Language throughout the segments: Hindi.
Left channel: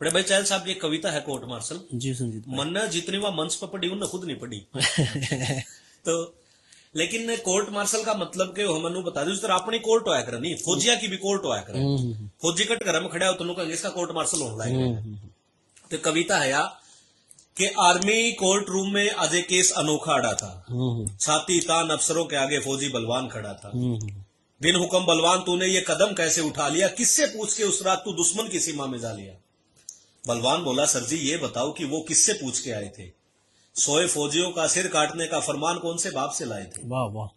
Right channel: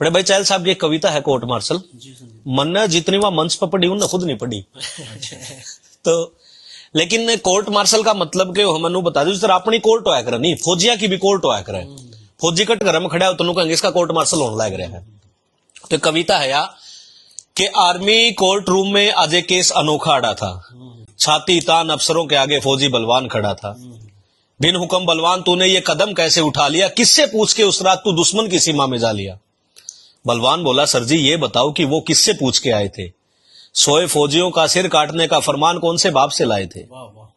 बड़े भाई चहल साहब की एक कविता है कोर्ट मार्शल जी संजीत। मन ने जितनी वहां मंच पर पढ़ी उन्हें खुद नहीं पढ़ी तो लेकिन कोर्ट मार्शल का मतलब के हमने बता दो जिस तरह अपनी कोर्ट होया करे नहीं फौजिया की भी कोर्ट होया करे। फौजी कट घर में खड़ा हो तो कहेंगे इसका कोर्ट मार्शल होने लग रहा है। तो कविता है यार कि आर्मी कोर्ट रूम में आज एक केस अनोखा अड़ा था। छाती तान अफसरों के आगे फौजी बलवान खड़ा था। बिन हुक्म बलवान तूने ये कदम कैसे उठा लिया, किससे पूछ के उस रात तू दुश्मन की सीमा में जा लिया। बलवान बोला सर जी ये बताओ कि वो किससे पूछ के आए थे, सोए फौजियों का सिर काटने का फरमान कौन से बाप से लाए थे। वाह वाह।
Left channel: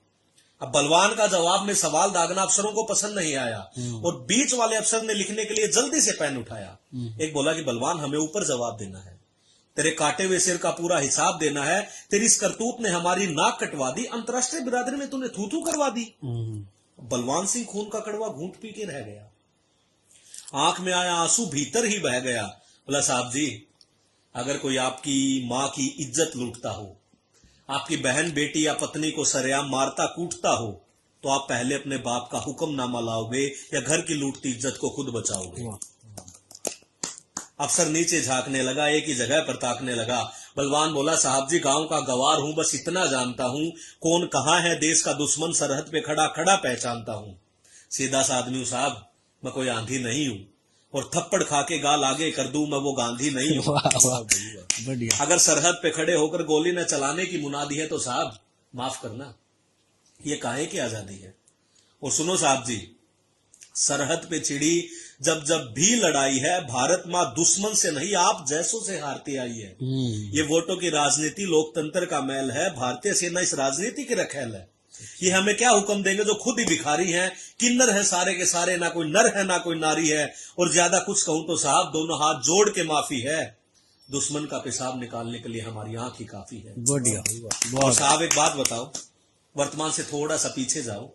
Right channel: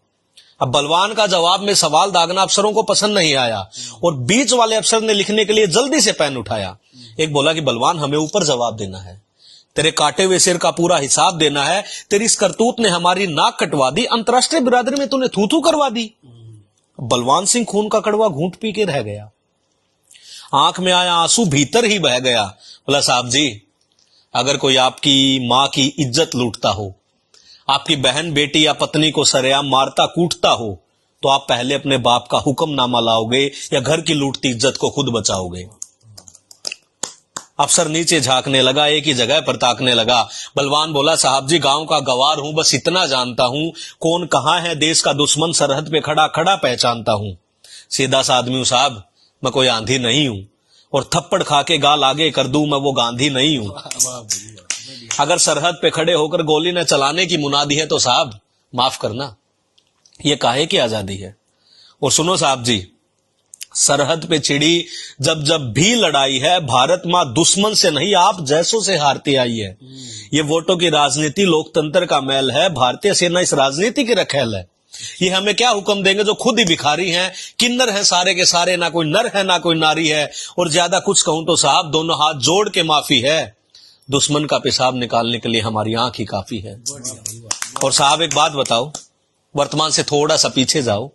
अब बलवान का जवाब में सवाल दागना अफसरों को पसंद नहीं आया और बीच वाले अफसर ने लिखने के लिए जल्दी से पेन उठाया। एक बोला कि बलवान हमें ऊपर जवाब देना है, तेरे काटे हुए सिर का पूरा हिसाब देना है। तेरी इस करतूत ने हमारी नाक कटवा दी, अंतरराष्ट्रीय बिरादरी में तूने थू थू करवा दी। बलवान सिंह खून का कड़वा घूंट पी के रह गया, आंख में आया आंसू भीतर ही बह गया। बोला साहब जी अगर कोई आपकी मां की इज्जत लूटता हो, आपकी बहन बेटी या पत्नी को सरेआम मारता कूटता हो, तो आप पहले अपने बाप का हुक्मनामा लाओगे या घर की लूटती इज्जत को खुद बचाओगे। अफसर नीचे झांकने लगा, एक ही जगह पर ताकने लगा। बलवान बोला साहब जी गांव का गवार हूं, बस इतना जानता हूं कौन कहां है देश का दुश्मन, सरहद पे खड़ा खड़ा पहचानता हूं। सीधा सा आदमी हूं साहब, मैं कोई आंधी नहीं हूं, और थप्पड़ खा के गाल आगे कर दूं मैं वो गांधी नहीं हूं। अगर सरहद पे खड़े होकर गोली न चलाने की मुनादी है तो साहब माफ करना ये काहे की आजादी है। और सुनो साहब जी, सरहद पे छिड़ी जब जब भी लड़ाई है, भारत मां दुश्मन से नहीं आप जैसों से हारती आई है। ये वोटों की राजनीति लोकतंत्र का मैल है, भारतीय सेना इस राजनीति की रखेल है। ये हमें क्या हुक्म देंगे जो खुद ही भिखारी हैं, किन्नर हैं सारे के सारे, ना कोई नर है ना कोई नारी है। और ज्यादा कुछ कहूं तो साहब दोनों हाथ जोड़ के माफी है, दुश्मन का पेशाब निकालने के लिए हमारी आंख ही काफी है। और साहब एक बात बताओ, वर्तमान से थोड़ा सा पीछे जाओ,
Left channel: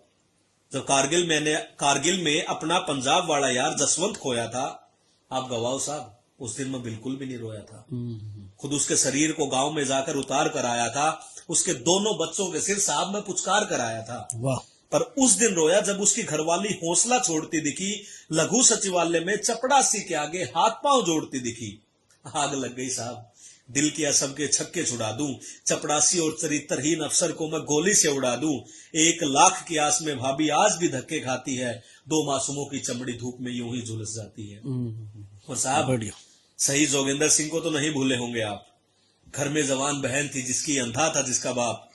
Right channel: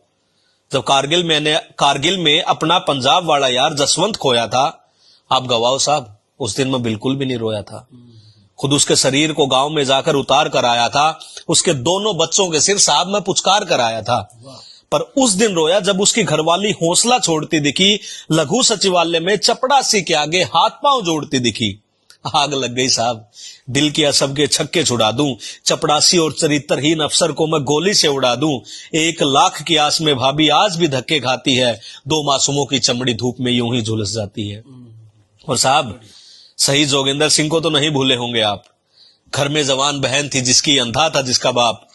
जब कारगिल में अपना पंजाब वाला यार जसवंत खोया था, आप गवाओ साहब उस दिन मैं बिल्कुल भी नहीं रोया था। खुद उसके शरीर को गांव में जाकर उतार कर आया था, उसके दोनों बच्चों के सिर साहब में पुचकार कर आया था। पर उस दिन रोया जब उसकी घरवाली हौसला छोड़ती दिखी, लघु सचिवालय में चपड़ासी के आगे हाथ पांव जोड़ती दिखी। आग लग गई साहब, दिल किया सबके छक्के छुड़ा दूं, चपड़ासी और चरित्रहीन अफसर को मैं गोली से उड़ा दूं। 1 लाख की आस में भाभी आज भी धक्के खाती है, 2 मासूमों की चमड़ी धूप में यूं ही झुलस जाती है। और साहब शहीद जोगिंदर सिंह को तो नहीं भूले होंगे आप, घर में जवान बहन थी जिसकी अंधा था जिसका बाप।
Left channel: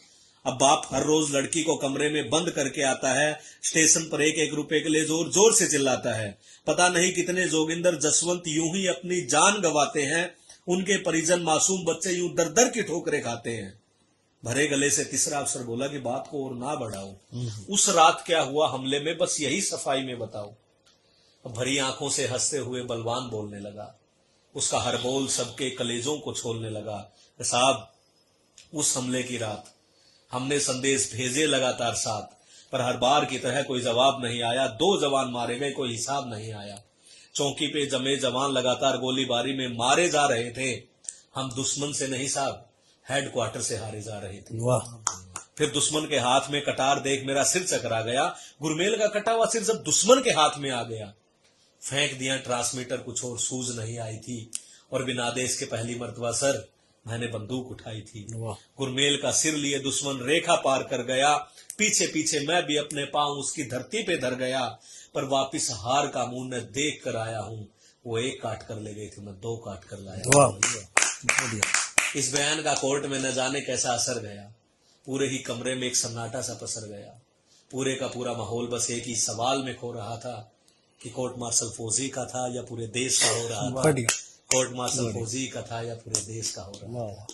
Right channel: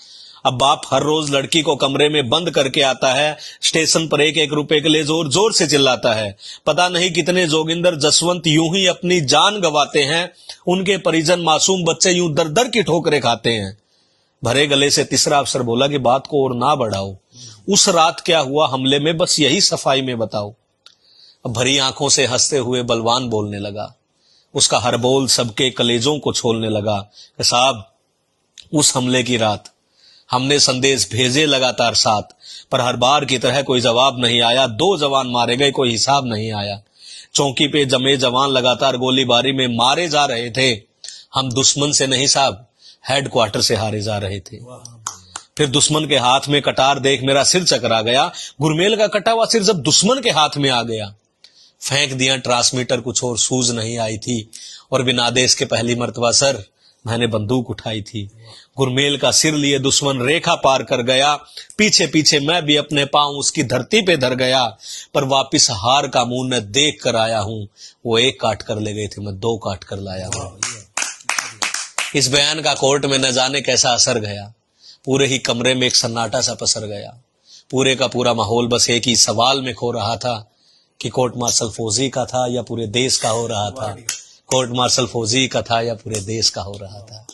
अब बाप हर रोज लड़की को कमरे में बंद करके आता है, स्टेशन पर 1-1 रुपए के लिए जोर जोर से चिल्लाता है। पता नहीं कितने जोगिंदर जसवंत यूं ही अपनी जान गवाते हैं, उनके परिजन मासूम बच्चे यूं दर दर की ठोकरें खाते हैं। भरे गले से तीसरा अफसर बोला कि बात को और ना बढ़ाओ, उस रात क्या हुआ हमले में बस यही सफाई में बताओ। अब भरी आंखों से हंसते हुए बलवान बोलने लगा, उसका हर बोल सबके कलेजों को छोलने लगा कि साहब उस हमले की रात हमने संदेश भेजे लगातार 7, पर हर बार की तरह कोई जवाब नहीं आया। 2 जवान मारे गए, कोई हिसाब नहीं आया। चौकी पे जमे जवान लगातार गोलीबारी में मारे जा रहे थे, हम दुश्मन से नहीं साहब हेडक्वार्टर से हारे जा रहे थे। फिर दुश्मन के हाथ में कटार देख मेरा सिर चकरा गया, गुरमेल का कटा हुआ सिर जब दुश्मन के हाथ में आ गया। फेंक दिया ट्रांसमीटर, कुछ और सूझ नहीं आई थी, और बिना आदेश के पहली मर्तबा सर मैंने बंदूक उठाई थी। गुरमेल का सिर लिए दुश्मन रेखा पार कर गया, पीछे पीछे मैं भी अपने पांव उसकी धरती पे धर गया, पर वापिस हार का मुंह न देख कर आया हूं। वो 1 काट कर ले गए थे, मैं 2 काट कर लाया हूं। इस बयान का कोर्ट में न जाने कैसा असर गया, पूरे ही कमरे में एक सन्नाटा सा पसर गया। पूरे का पूरा माहौल बस एक ही सवाल में खो रहा था कि कोर्ट मार्शल फौजी का था या पूरे देश का हो रहा था। कोर्ट मार्शल फौजी का था या पूरे देश का हो रहा था।